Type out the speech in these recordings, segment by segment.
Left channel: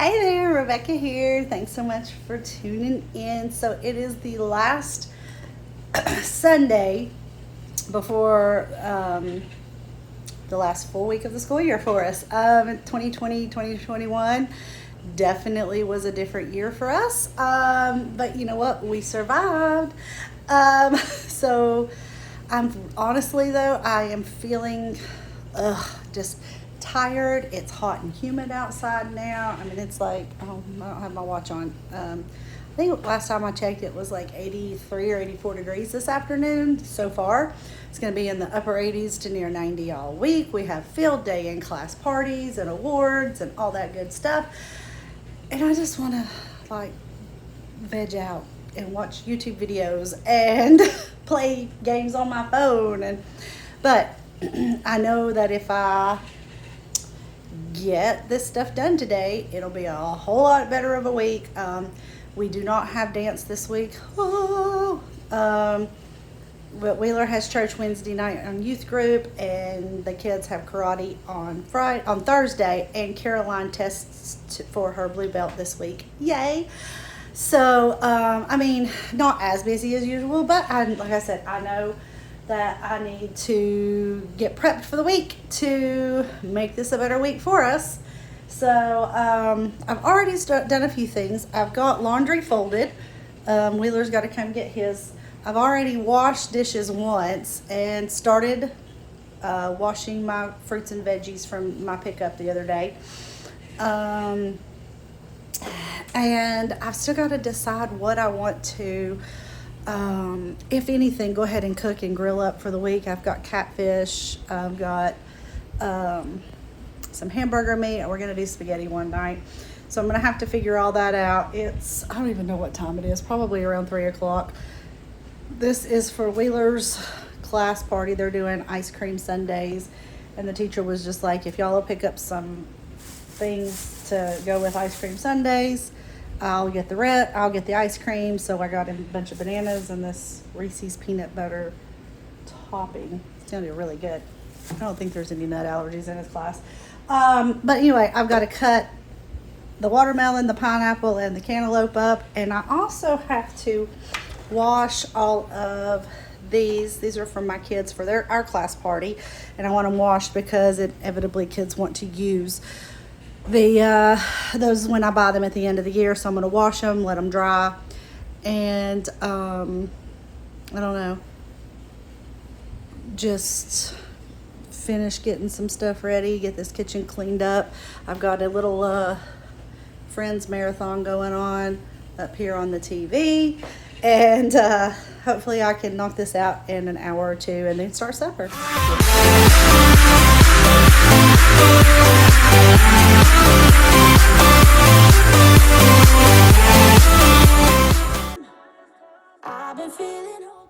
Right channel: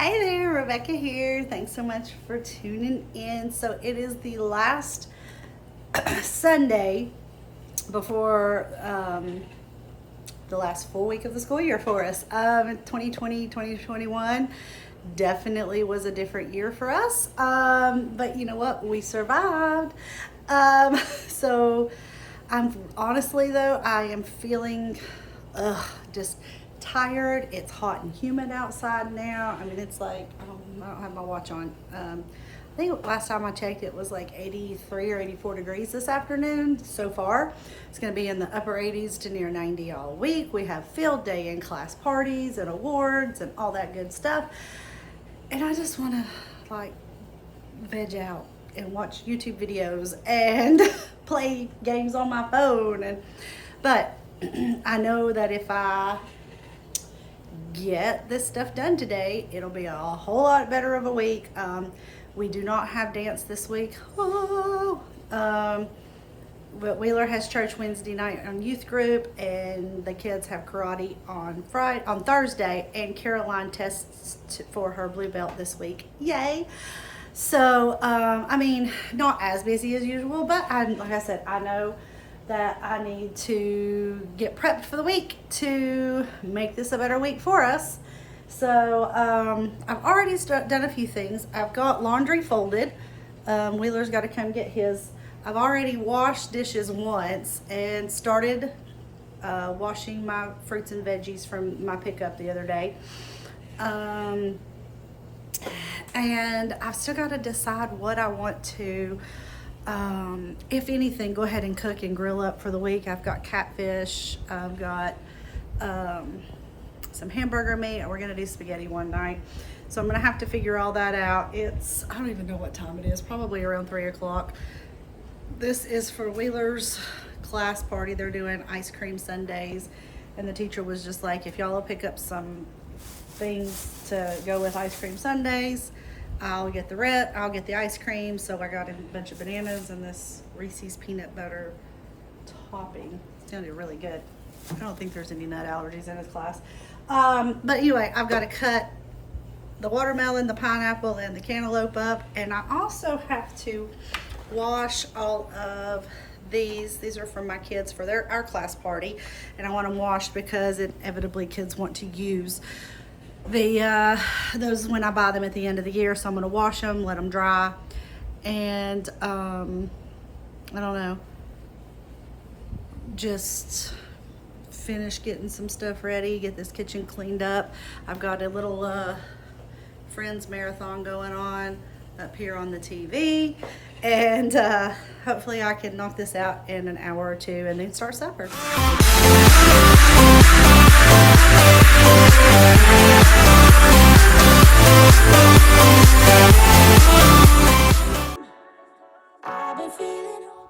Hey there, Rebecca here. Thanks so much for tuning in. So it is the last Sunday before the last full week of the school year for us. 2020, 2021 definitely was a different year for us. But you know what? We survived. So I'm honestly though, I am feeling just tired. It's hot and humid outside now. I mean, it's like, I don't have my watch on. I think last time I checked it was like 83 or 84 degrees this afternoon so far. It's going to be in the upper 80s to near 90 all week. We have field day and class parties and awards and all that good stuff. And I just want to like veg out and watch YouTube videos and play games on my phone. But I know that if I get this stuff done today, it'll be a whole lot better of a week. We do not have dance this week. But Wheeler has church Wednesday night on youth group, and the kids have karate on Thursday, and Caroline tests for her blue belt this week. Yay! So, I mean, not as busy as usual, but like I said, I know that I need to get prepped for the week to make this a better week for us. So, I've already done a few things. I've got laundry folded. Wheeler's got to come get his. I've already washed dishes once and started washing my fruits and veggies from my pickup the other day. And I've still got to decide what I want to, if anything, go ahead and cook and grill up for the week. I've got catfish. I've got some hamburger meat. We're going to do spaghetti one night. So I'm going to have to figure all that out. I don't even know what time it is, probably around 3 o'clock. This is for Wheeler's class party. They're doing ice cream sundaes, and the teacher was just like, if y'all will pick up some things to go with ice cream sundaes, I'll get the ice cream. So I got a bunch of bananas and this Reese's peanut butter topping. It's gonna be really good. I don't think there's any nut allergies in his class. But anyway, I've got to cut the watermelon, the pineapple, and the cantaloupe up, and I also have to wash all of these. These are from my kids for our class party, and I want them washed because inevitably kids want to use those when I buy them at the end of the year. So I'm going to wash them, let them dry, and I don't know, just finish getting some stuff ready, get this kitchen cleaned up. I've got a little Friends marathon going on up here on the TV, and hopefully I can knock this out in an hour or two and then start supper.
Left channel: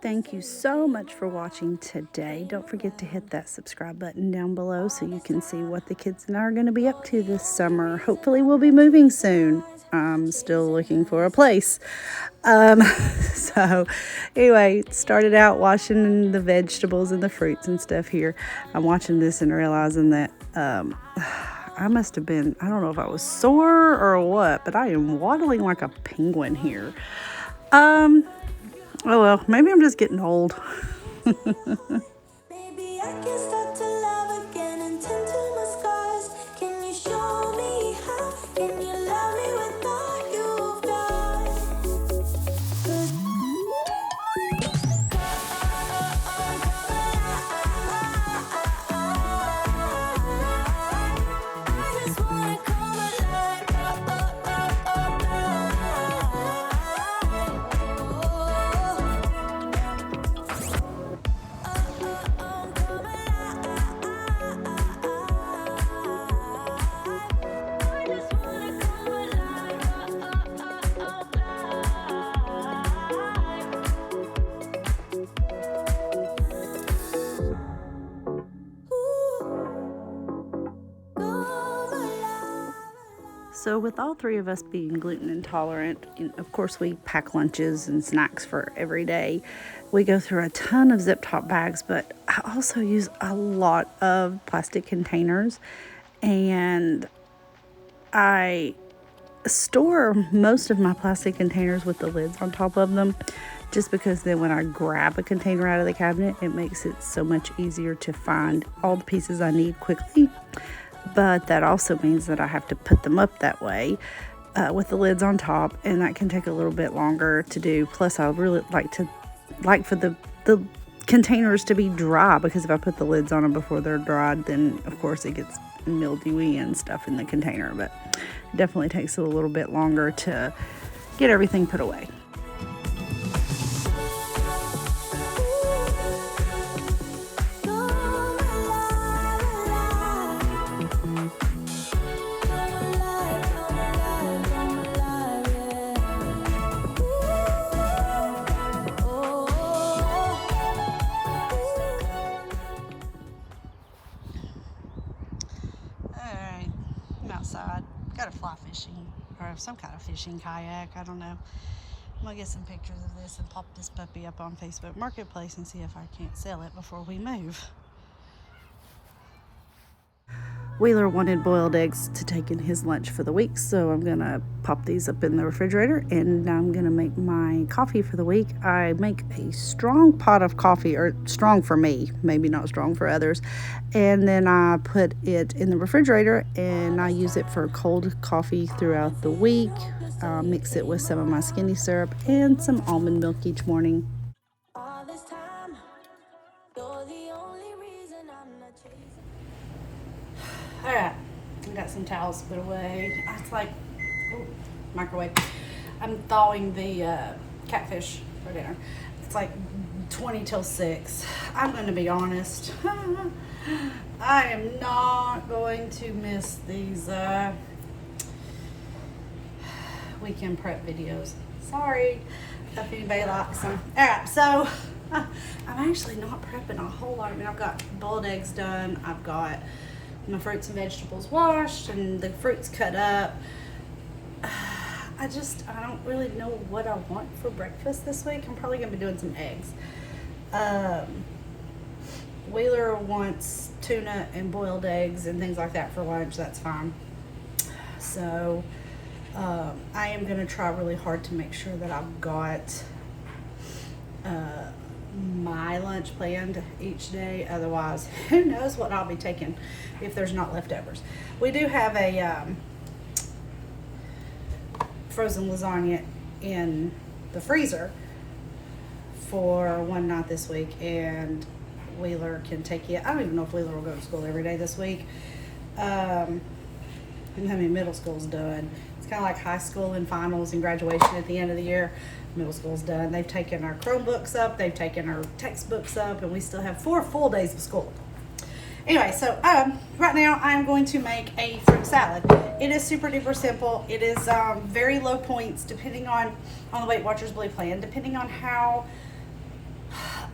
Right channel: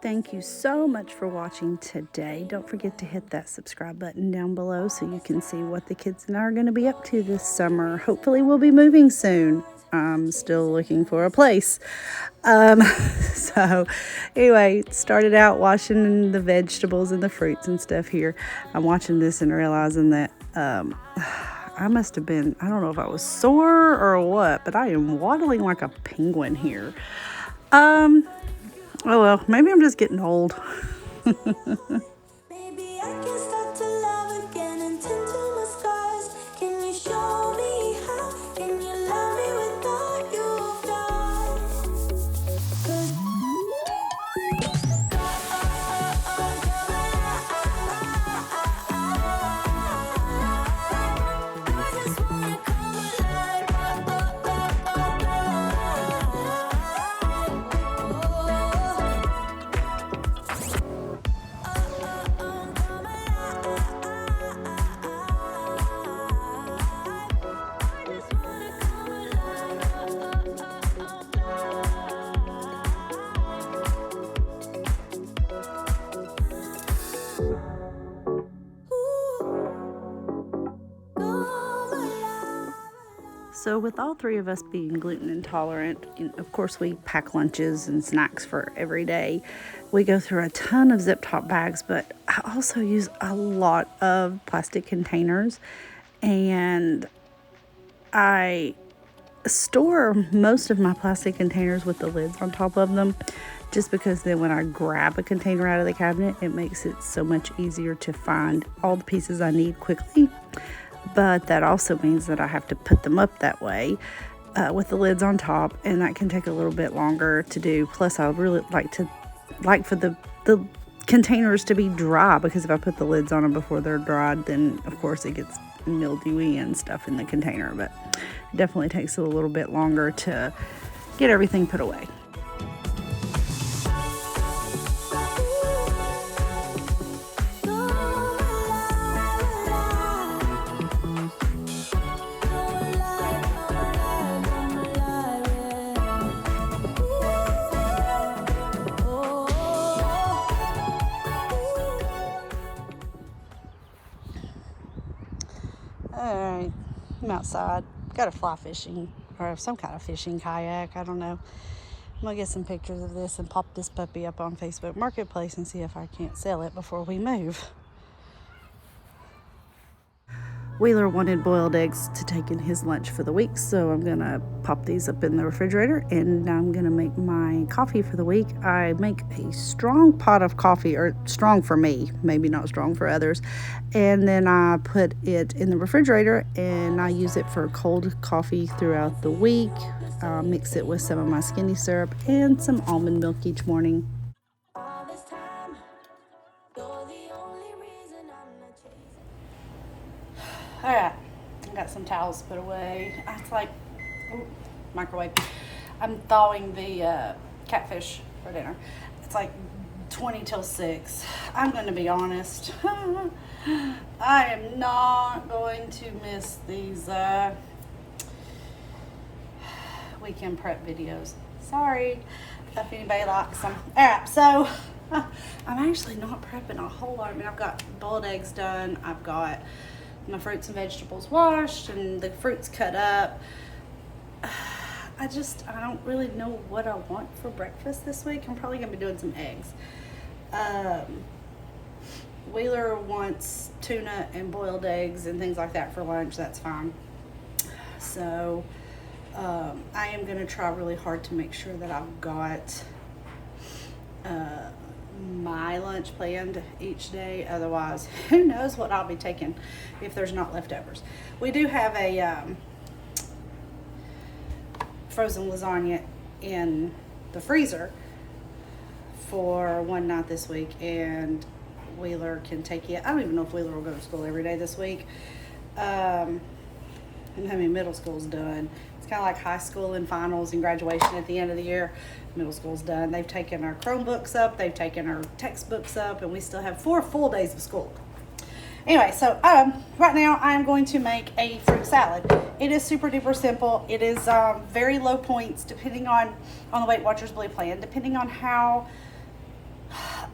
Thank you so much for watching today. Don't forget to hit that subscribe button down below so you can see what the kids and I are going to be up to this summer. Hopefully we'll be moving soon. I'm still looking for a place. So anyway, started out washing the vegetables and the fruits and stuff here. I'm watching this and realizing that I must have been, I don't know if I was sore or what, but I am waddling like a penguin here. Oh well, maybe I'm just getting old. Maybe I can start to love again and tend to my scars. Can you show me how? Can you love me with all you've done? 'Cause I just wanna come alive. So with all three of us being gluten intolerant, of course we pack lunches and snacks for every day. We go through a ton of zip top bags, but I also use a lot of plastic containers, and I store most of my plastic containers with the lids on top of them, just because then when I grab a container out of the cabinet, it makes it so much easier to find all the pieces I need quickly. But that also means that I have to put them up that way with the lids on top, and that can take a little bit longer to do. Plus, I really like for the containers to be dry, because if I put the lids on them before they're dried, then of course it gets mildewy and stuff in the container. But it definitely takes a little bit longer to get everything put away. Alright, I'm outside. Got a fly fishing, or some kind of fishing kayak, I don't know. I'm gonna get some pictures of this and pop this puppy up on Facebook Marketplace and see if I can't sell it before we move. Wheeler wanted boiled eggs to take in his lunch for the week, so I'm gonna pop these up in the refrigerator, and I'm gonna make my coffee for the week. I make a strong pot of coffee, or strong for me, maybe not strong for others, and then I put it in the refrigerator and I use it for cold coffee throughout the week. Mix it with some of my skinny syrup and some almond milk each morning. All this time, you're the only reason I'm not chasing. Alright, I got some towels put away. It's like, microwave. I'm thawing the catfish for dinner. It's like 20 till 6. I'm going to be honest. I am not going to miss these weekend prep videos. Sorry if anybody likes them. Alright, so I'm actually not prepping a whole lot. I mean, I've got boiled eggs done. I've got my fruits and vegetables washed and the fruits cut up. I don't really know what I want for breakfast this week. I'm probably gonna be doing some eggs. Wheeler wants tuna and boiled eggs and things like that for lunch. That's fine. So I am gonna try really hard to make sure that I've got my lunch planned each day. Otherwise, who knows what I'll be taking if there's not leftovers. We do have a frozen lasagna in the freezer for one night this week, and Wheeler can take it. I don't even know if Wheeler will go to school every day this week. I mean, middle school's done. It's kind of like high school and finals and graduation at the end of the year. Middle school's done. They've taken our Chromebooks up, they've taken our textbooks up, and we still have 4 full days of school. Anyway, so right now I'm going to make a fruit salad. It is super duper simple. It is very low points depending on the Weight Watchers Blue Plan, depending on how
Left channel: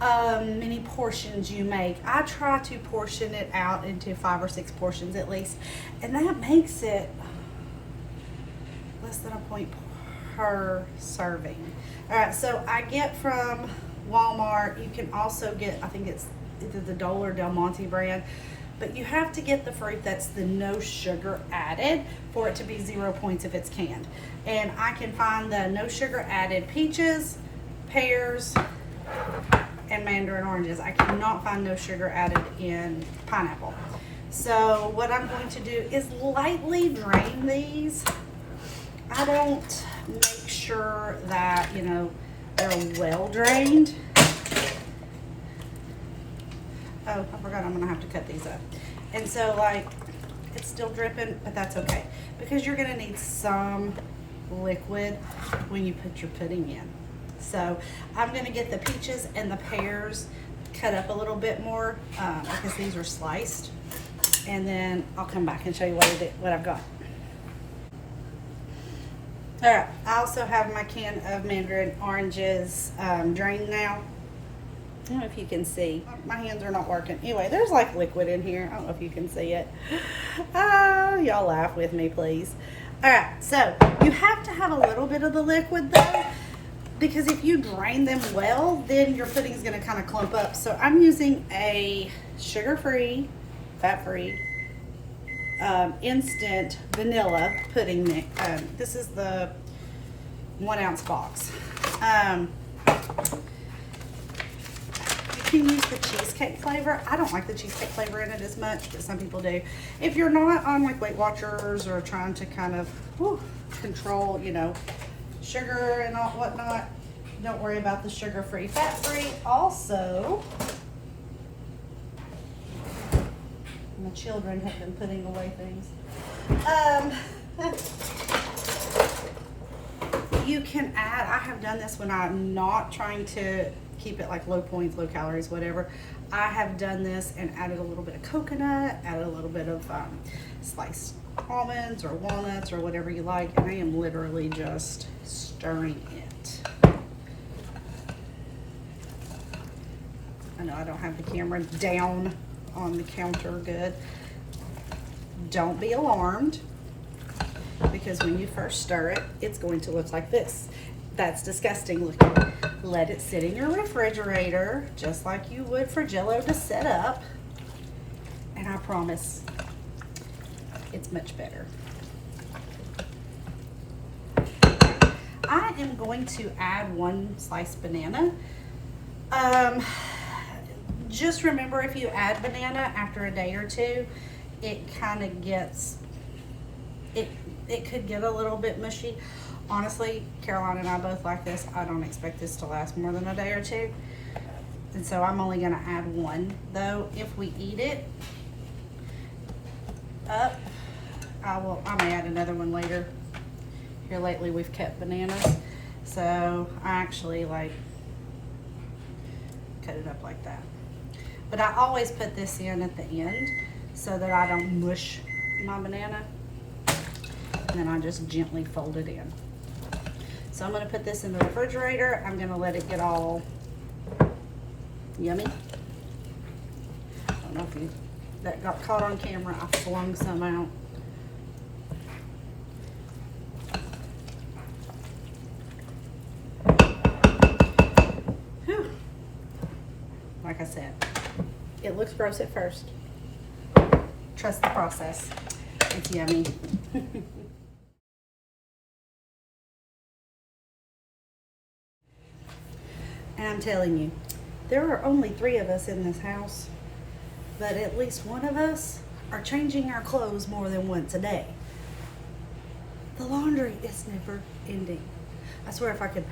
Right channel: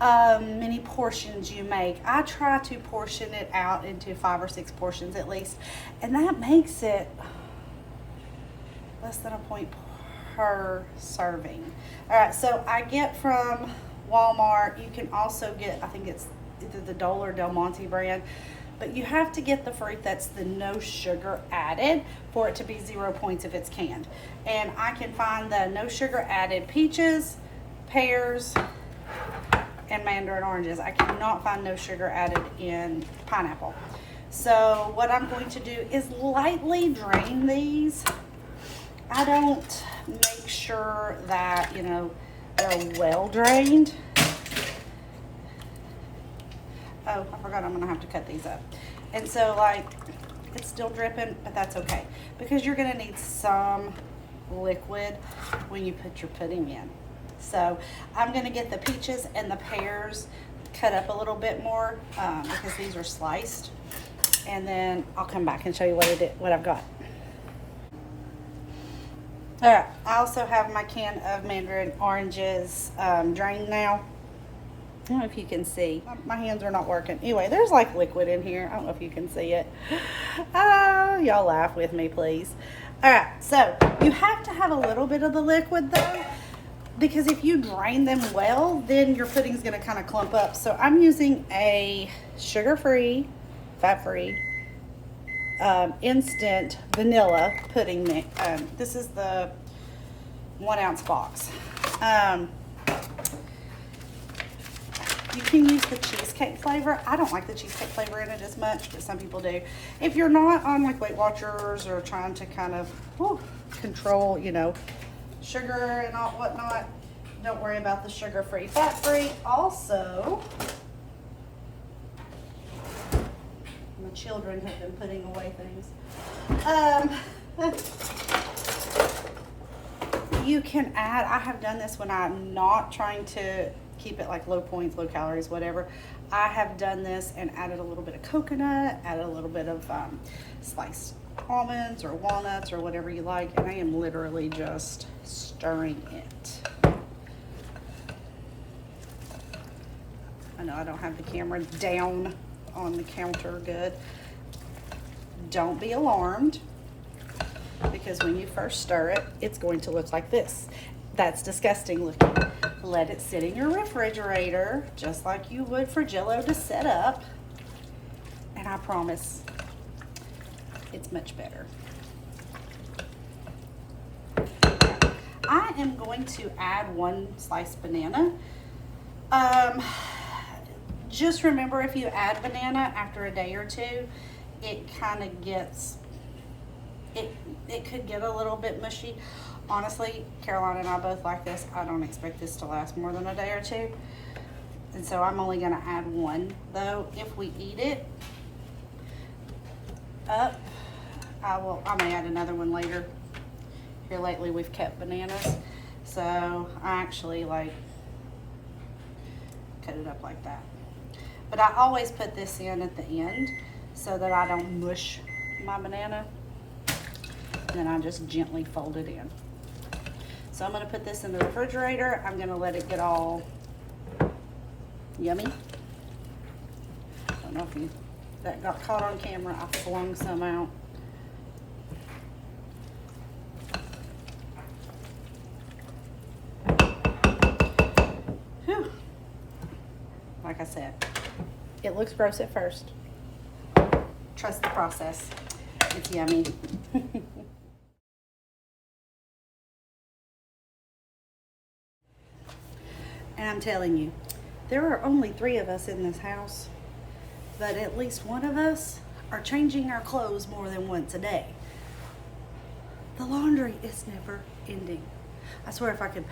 many portions you make. I try to portion it out into 5 or 6 portions at least, and that makes it less than a point per serving. All right, so I get from Walmart. You can also get, I think it's either the Dole or Del Monte brand, but you have to get the fruit that's the no sugar added for it to be 0 points if it's canned. And I can find the no sugar added peaches, pears, and mandarin oranges. I cannot find no sugar added in pineapple. So what I'm going to do is lightly drain these. I don't make sure that, you know, they're well drained. Oh, I forgot I'm gonna have to cut these up. And so, like, it's still dripping, but that's okay, because you're gonna need some liquid when you put your pudding in. So I'm gonna get the peaches and the pears cut up a little bit more because these are sliced, and then I'll come back and show you what I've got. All right, I also have my can of mandarin oranges drained now. I don't know if you can see. My hands are not working. Anyway, there's like liquid in here. I don't know if you can see it. Y'all laugh with me, please. All right, so you have to have a little bit of the liquid though, because if you drain them well, then your pudding's gonna kind of clump up. So I'm using a sugar-free, fat-free instant vanilla pudding mix. This is the 1 ounce box. You can use the cheesecake flavor. I don't like the cheesecake flavor in it as much, but some people do. If you're not on like Weight Watchers or trying to kind of control, you know, sugar and all whatnot, don't worry about the sugar-free, fat-free. Also, my children have been putting away things. You can add, I have done this when I'm not trying to keep it like low points, low calories, whatever. I have done this and added a little bit of coconut, added a little bit of sliced almonds or walnuts or whatever you like, and I am literally just stirring it. I know I don't have the camera down on the counter good. Don't be alarmed, because when you first stir it, it's going to look like this. That's disgusting looking. Let it sit in your refrigerator, just like you would for Jell-O to set up, and I promise it's much better. I am going to add 1 sliced banana. Just remember, if you add banana after a day or two, it kind of gets, it could get a little bit mushy. Honestly, Caroline and I both like this. I don't expect this to last more than a day or two. And so I'm only gonna add 1. Though, if we eat it up, I may add another one later. Here lately we've kept bananas. So I actually like cut it up like that. But I always put this in at the end so that I don't mush my banana. And then I just gently fold it in. So I'm gonna put this in the refrigerator. I'm gonna let it get all yummy. I don't know if that got caught on camera. I flung some out. Whew. Like I said, it looks gross at first. Trust the process. It's yummy. And I'm telling you, there are only 3 of us in this house, but at least one of us are changing our clothes more than once a day. The laundry is never ending. I swear, if I could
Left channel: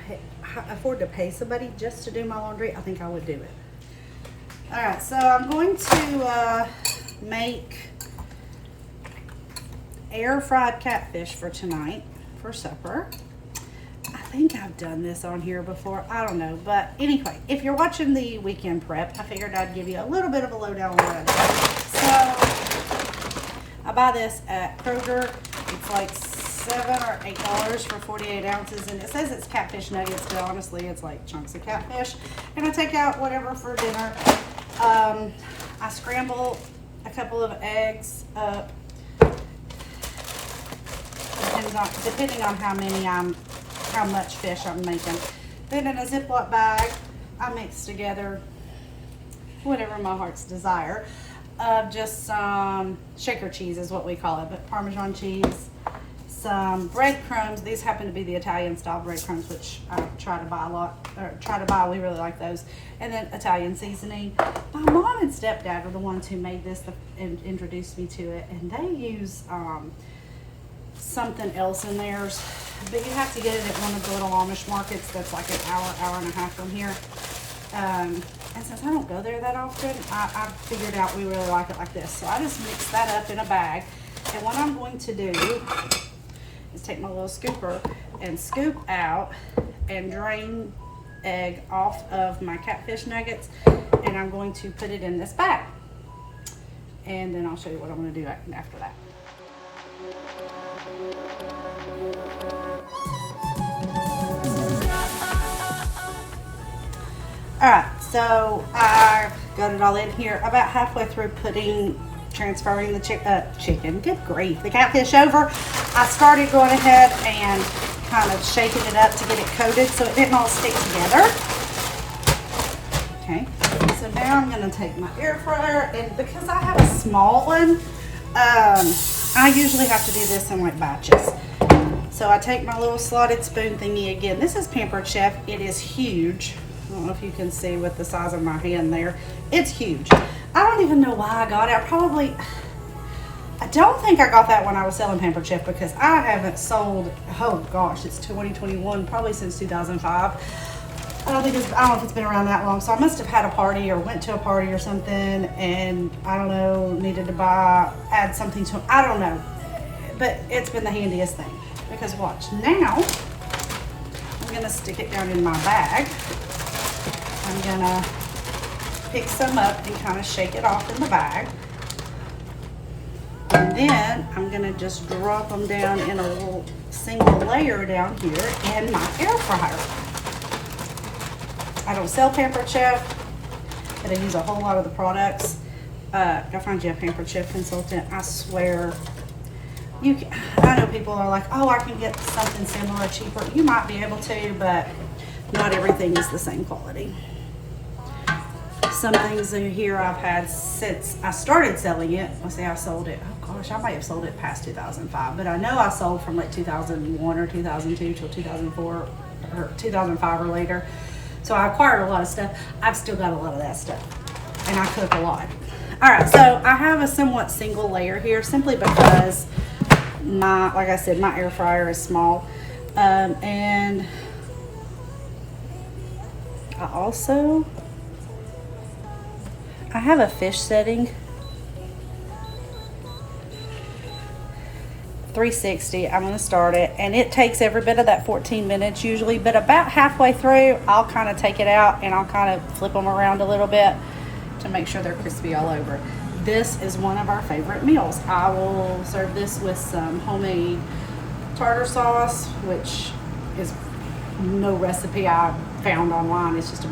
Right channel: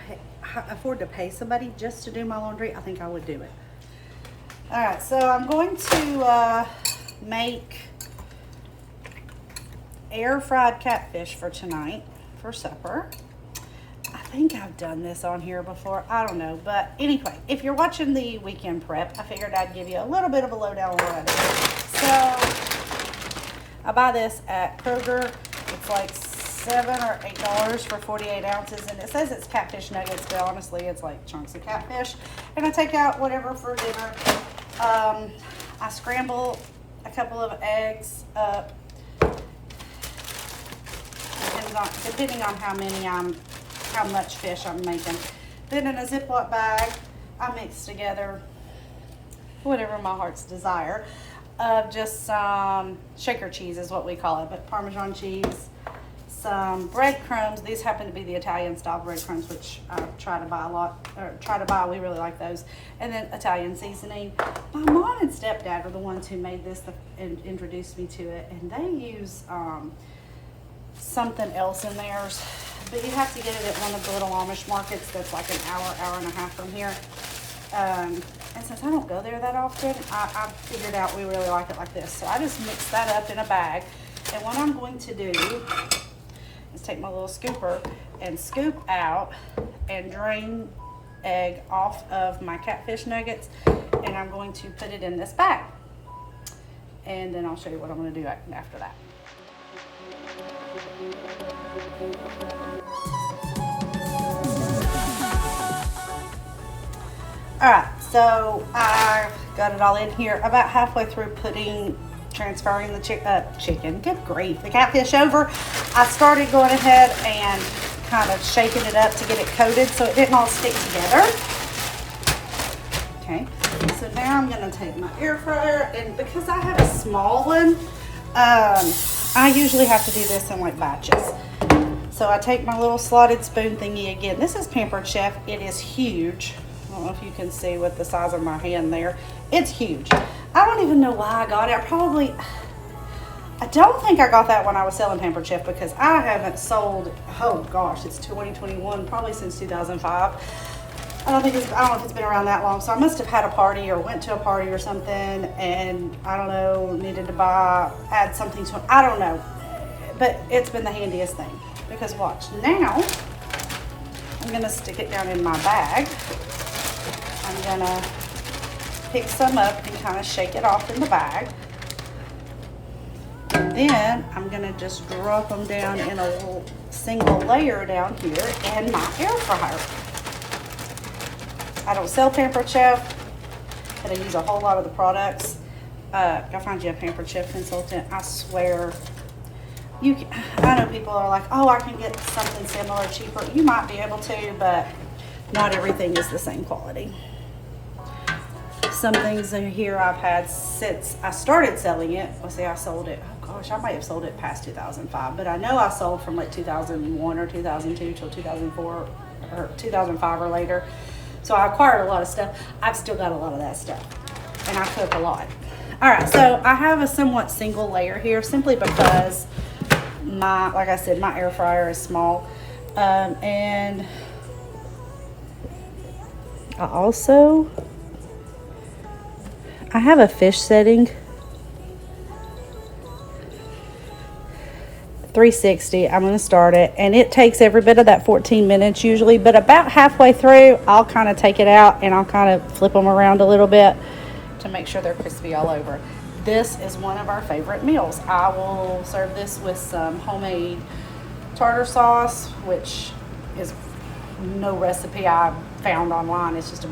afford to pay somebody just to do my laundry, I think I would do it. All right, so I'm going to make air fried catfish for tonight for supper. I think I've done this on here before. I don't know. But anyway, if you're watching the weekend prep, I figured I'd give you a little bit of a lowdown on what I do. So I buy this at Kroger. It's like $7 or $8 for 48 ounces. And it says it's catfish nuggets, but honestly, it's like chunks of catfish. And I take out whatever for dinner. I scramble a couple of eggs up. Depending on how much fish I'm making. Then in a Ziploc bag, I mix together whatever my heart's desire of just some shaker cheese is what we call it, but Parmesan cheese, some breadcrumbs. These happen to be the Italian style breadcrumbs, which I try to buy a lot, or try to buy. We really like those. And then Italian seasoning. My mom and stepdad are the ones who made this and introduced me to it, and they use something else in theirs, but you have to get it at one of the little Amish markets that's like an hour and a half from here. And since I don't go there that often, I figured out we really like it like this. So I just mix that up in a bag. And what I'm going to do is take my little scooper and scoop out and drain egg off of my catfish nuggets. And I'm going to put it in this bag. And then I'll show you what I'm going to do after that. All right, so I've got it all in here. About halfway through transferring the chicken, good grief, the catfish over, I started going ahead and kind of shaking it up to get it coated so it didn't all stick together. Okay, so now I'm gonna take my air fryer, and because I have a small one, I usually have to do this in like batches. So I take my little slotted spoon thingy again. This is Pampered Chef. It is huge. I don't know if you can see with the size of my hand there. It's huge. I don't even know why I got it. I don't think I got that when I was selling Pampered Chef, because I haven't sold, oh gosh, it's 2021, probably since 2005. I don't know if it's been around that long. So I must have had a party or went to a party or something, and I don't know, needed to add something to it. I don't know. But it's been the handiest thing. Because watch, now I'm going to stick it down in my bag. I'm going to pick some up and kind of shake it off in the bag. And then I'm going to just drop them down in a little single layer down here in my air fryer. I don't sell Pampered Chef, but I use a whole lot of the products. Go find you a Pampered Chef consultant. I swear. I know people are like, oh, I can get something similar cheaper. You might be able to, but not everything is the same quality. Some things in here I've had since I started selling it. Let's see, I sold it. Oh gosh, I might have sold it past 2005, but I know I sold from like 2001 or 2002 till 2004 or 2005 or later. So I acquired a lot of stuff. I've still got a lot of that stuff, and I cook a lot. All right, so I have a somewhat single layer here simply because like I said, my air fryer is small. And I have a fish setting, 360. I'm going to start it, and it takes every bit of that 14 minutes usually, but about halfway through I'll kind of take it out and I'll kind of flip them around a little bit to make sure they're crispy all over. This is one of our favorite meals. I will serve this with some homemade tartar sauce, which is no recipe I found online. It's just a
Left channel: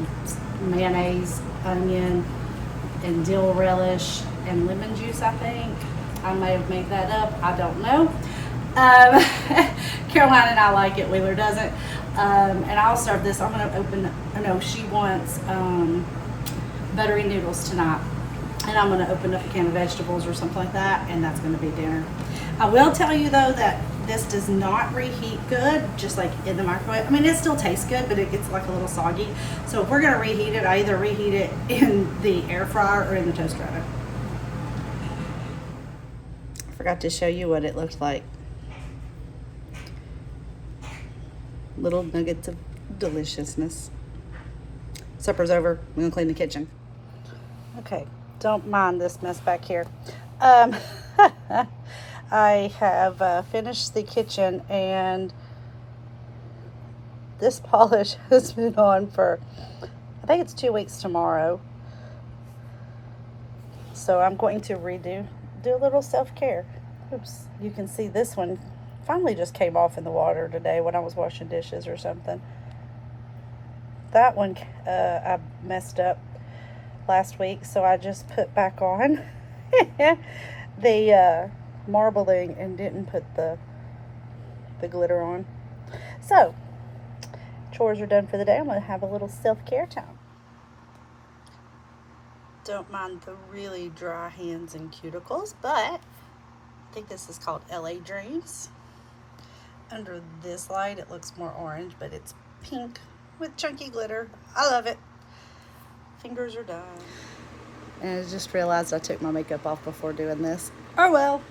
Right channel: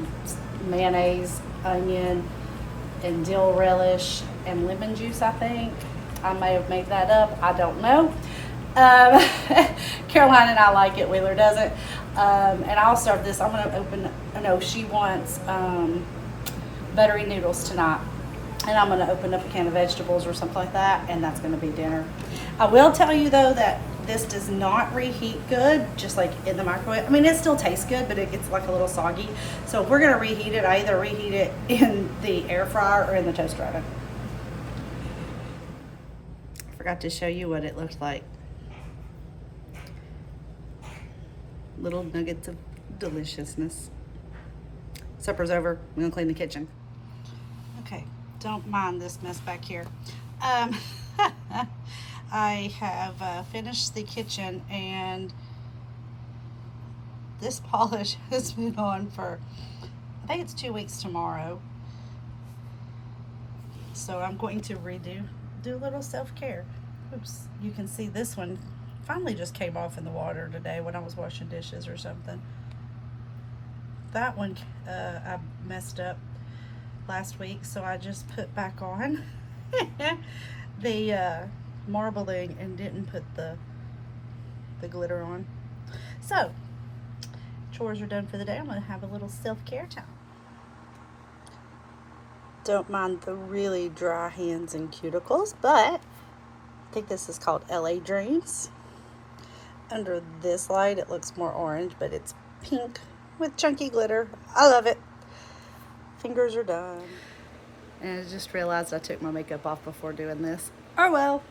mayonnaise, onion, and dill relish and lemon juice, I think. I may have made that up. I don't know. Caroline and I like it. Wheeler doesn't. And I'll serve this. I'm going to she wants buttery noodles tonight. And I'm going to open up a can of vegetables or something like that, and that's going to be dinner. I will tell you, though, that this does not reheat good, just like in the microwave. I mean, it still tastes good, but it gets like a little soggy. So if we're going to reheat it, I either reheat it in the air fryer or in the toaster oven. I forgot to show you what it looked like. Little nuggets of deliciousness. Supper's over. I'm going to clean the kitchen. Okay. Don't mind this mess back here. I have finished the kitchen, and this polish has been on for, I think it's 2 weeks tomorrow. So I'm going to do a little self-care. Oops, you can see this one finally just came off in the water today when I was washing dishes or something. That one I messed up last week, so I just put back on the marbling and didn't put the glitter on. So chores are done for the day. I'm gonna have a little self-care time. Don't mind the really dry hands and cuticles, but I think this is called LA Dreams. Under this light it looks more orange, but it's pink with chunky glitter. I love it. Fingers are done. And I just realized I took my makeup off before doing this. Oh well,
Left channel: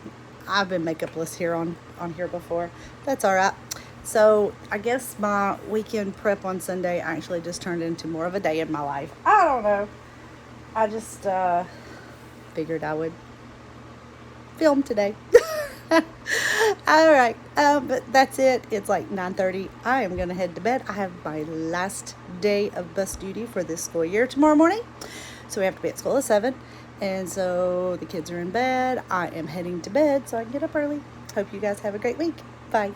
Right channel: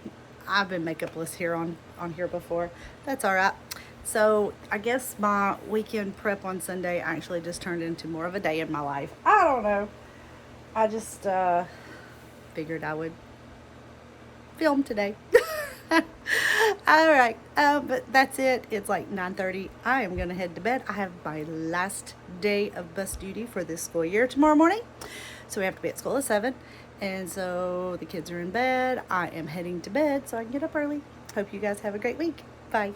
I've been makeupless here on here before. That's all right. So I guess my weekend prep on Sunday actually just turned into more of a day in my life. I don't know. I just figured I would film today. All right, but that's it. It's like 9:30. I am gonna head to bed. I have my last day of bus duty for this school year tomorrow morning, so we have to be at school at 7, and so the kids are in bed. I am heading to bed so I can get up early. Hope you guys have a great week. Bye.